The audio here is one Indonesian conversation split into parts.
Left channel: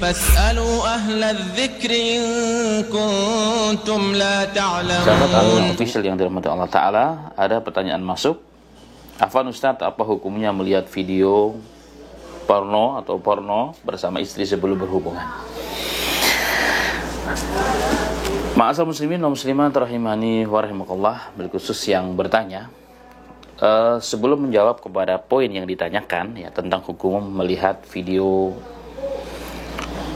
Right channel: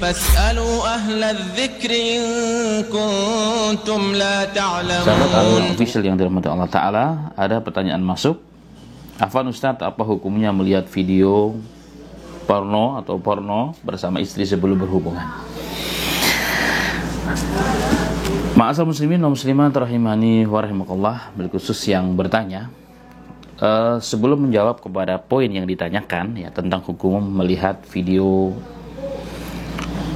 فاسألوا أهل الذكر إن كنتم لا تعلمون. Sahabat official yang dirahmati Allah Ta'ala, ada pertanyaan masuk. Afwan Ustadz, apa hukumnya melihat video porno atau porno bersama istri sebelum berhubungan? Ma'asal muslimin wa muslimat rahimani wa rahimakallah, berkhusus yang bertanya, sebelum menjawab kepada poin yang ditanyakan ya tentang hukum melihat video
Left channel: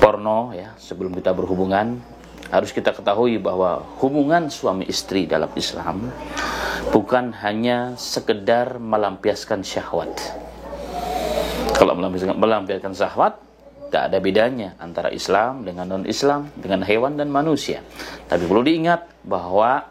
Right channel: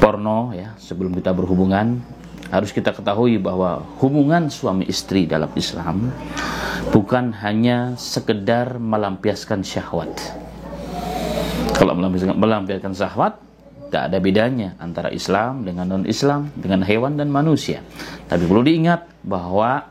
porno ya sebelum kita berhubungan, harus kita ketahui bahwa hubungan suami istri dalam Islam bukan hanya sekedar melampiaskan syahwat. Kalau melampiaskan syahwat, tidak ada bedanya antara Islam dengan non-Islam, dengan hewan dan manusia. Tapi perlu diingat bahwa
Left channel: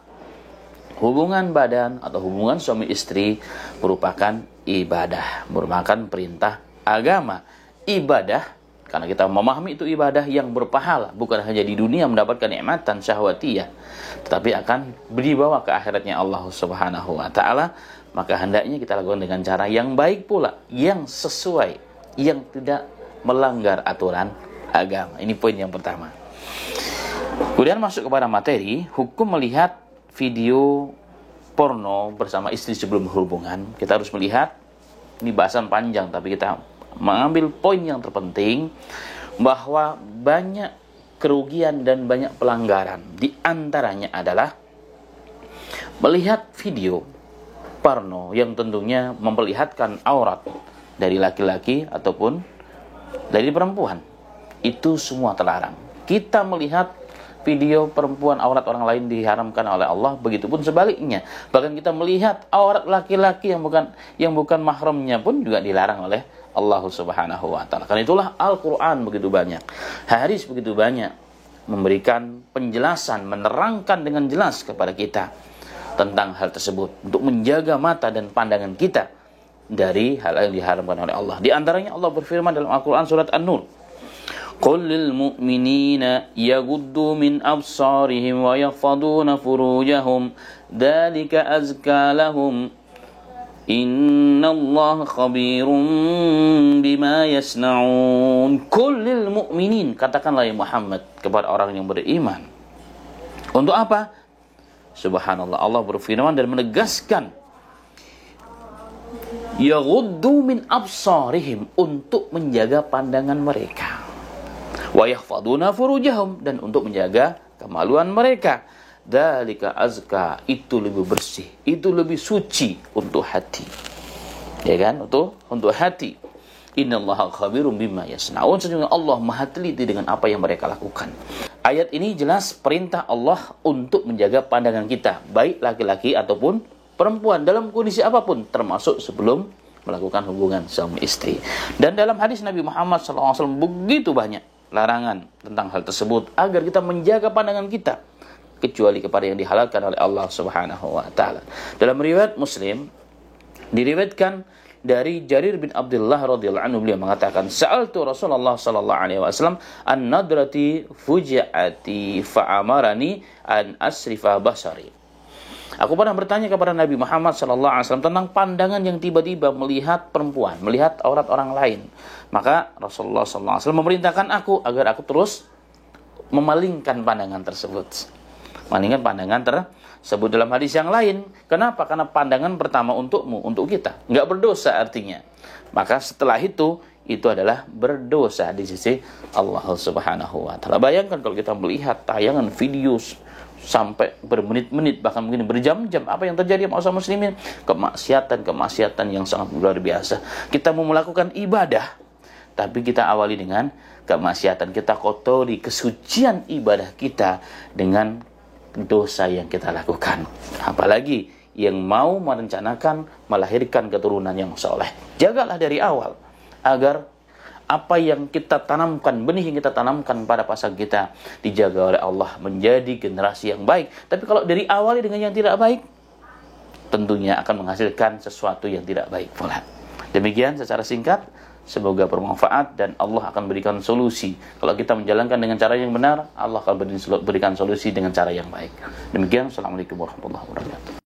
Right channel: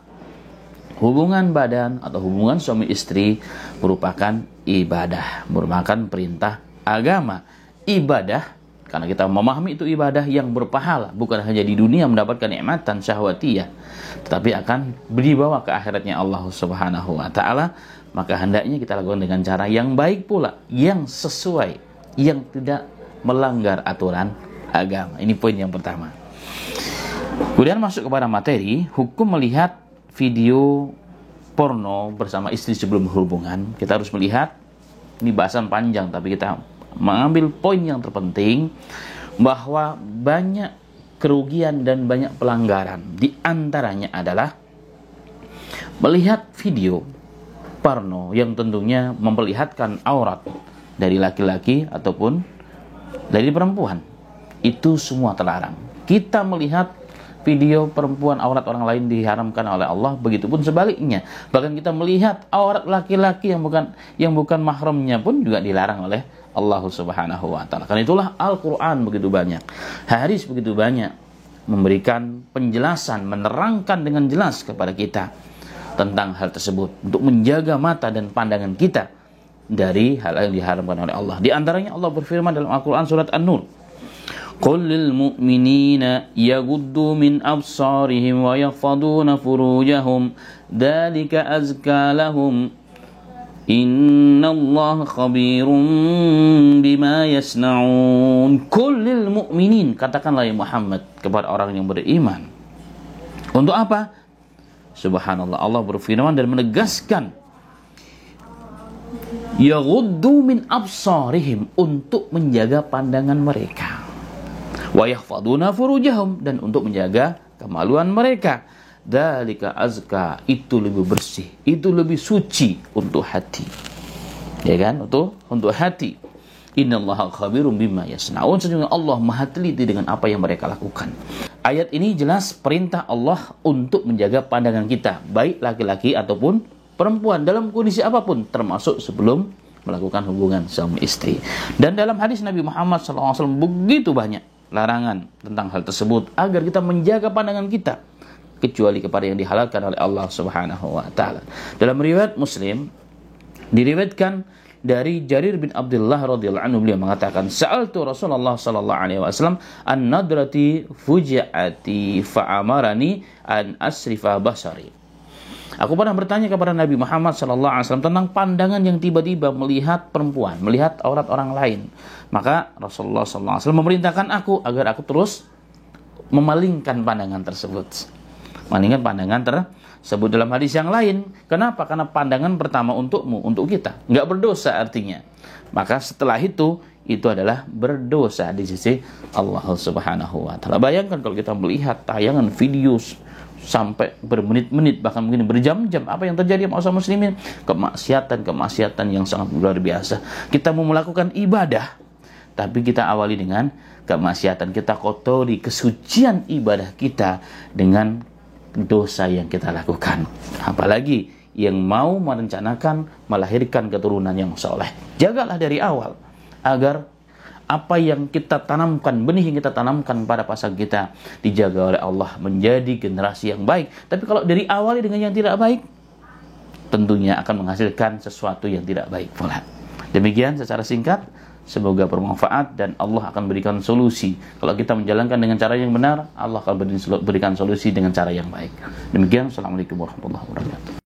hubungan badan atau hubungan suami istri merupakan ibadah, merupakan perintah agama. Ibadah, karena kita memahami itu ibadah yang berpahala, bukan hanya di dunia mendapatkan nikmatan syahwatiyah, tetapi akan dibawa ke akhiratnya Allah Subhanahu wa Ta'ala. Maka hendaknya kita lakukan dengan cara yang baik pula, yang sesuai, yang tidak melanggar aturan agama. Ini poin yang pertama. Kemudian masuk kepada materi hukum melihat video porno bersama istri sebelum berhubungan. Kita harus melihat, ini bahasan panjang tapi kita mengambil poin yang terpenting, bahwa banyak kerugian dan banyak pelanggaran. Di antaranya adalah melihat video porno yang tentunya memperlihatkan aurat dari laki-laki ataupun dari perempuan. Itu semua terlarang. Kita melihat video perempuan, aurat orang lain diharamkan oleh Allah, begitupun sebaliknya. Bahkan kita melihat aurat laki-laki yang bukan mahramnya pun juga dilarang oleh Allah Subhanahu wa Ta'ala. Karena itulah Al-Quran begitu banyak, hadis begitu banyak memberikan penjelasan, menerangkan dengan jelas kepada kita tentang hal tersebut, untuk menjaga mata dan pandangan kita dari hal yang diharamkan oleh Allah. Di antaranya Allah berfirman dalam Al-Quran surat An-Nur, Qul lil mu'minina yaghuddu min absarihim wa yahfaduna furujahum dzalika azka lahum innallaha khabirum bima yasnaun. Qul lil mu'minin, katakanlah ya Muhammad kepada orang yang beriman. Untuk apa? Subhanallah, Allah berfirman dan menegaskan yaghuddu min absarihim, untuk menjaga pandangan mereka, wa yahfaduna furujahum, dan untuk menjaga kemaluan mereka. Dzalika azka, itu lebih bersih, itu lebih suci untuk hati. Ya kan? Untuk hati. Innallaha khabirum bima yasnaun, sesungguhnya Allah Maha teliti dengan apa yang mereka lakukan. Ayat ini jelas perintah Allah untuk menjaga pandangan kita, baik laki-laki ataupun perempuan, dalam kondisi apapun, termasuk sebelum melakukan hubungan suami istri. Dan dalam hadis Nabi Muhammad SAW begitu banyak larangan tentang hal tersebut, agar kita menjaga pandangan kita, kecuali kepada yang dihalalkan oleh Allah Subhanahu wa Ta'ala. Dalam riwayat Muslim diriwayatkan dari Jarir bin Abdullah radhiyallahu anhu, beliau mengatakan, sa'altu Rasulullah sallallahu alaihi wasallam an nadrati fuji'ati fa'amarani an asrifa basari. Aku pernah bertanya kepada Nabi Muhammad sallallahu alaihi wasallam tentang pandangan yang tiba-tiba melihat perempuan, melihat aurat orang lain. Maka Rasulullah sallallahu alaihi wasallam memerintahkan aku agar aku terus memalingkan pandangan tersebut. Malingkan pandangan tersebut dalam hadis yang lain. Kenapa? Karena pandangan pertama untukmu, untuk kita, nggak berdosa artinya. Maka setelah itu adalah berdosa di sisi Allah Subhanahu wa Ta'ala. Bayangkan kalau kita melihat tayangan video sampai bermenit-menit, bahkan mungkin berjam-jam, apa yang terjadi sama muslimin? Kemaksiatan yang sangat luar biasa. Kita mau melakukan ibadah, tapi kita awali dengan kemaksiatan. Kita kotori kesucian ibadah kita dengan dosa yang kita lakukan. Apalagi yang mau merencanakan melahirkan keturunan yang soleh. Jagalah dari awal, agar apa yang kita tanamkan, benih yang kita tanamkan pada pasangan kita, dijaga oleh Allah menjadi generasi yang baik. Tapi kalau dari awal dengan yang tidak baik, tentunya akan menghasilkan sesuatu yang tidak baik pula. Demikian secara singkat. Semoga bermanfaat dan Allah akan berikan solusi. Kalau kita menjalankan dengan cara yang benar, Allah akan berikan solusi dengan cara yang baik. Demikian, Assalamualaikum warahmatullahi wabarakatuh.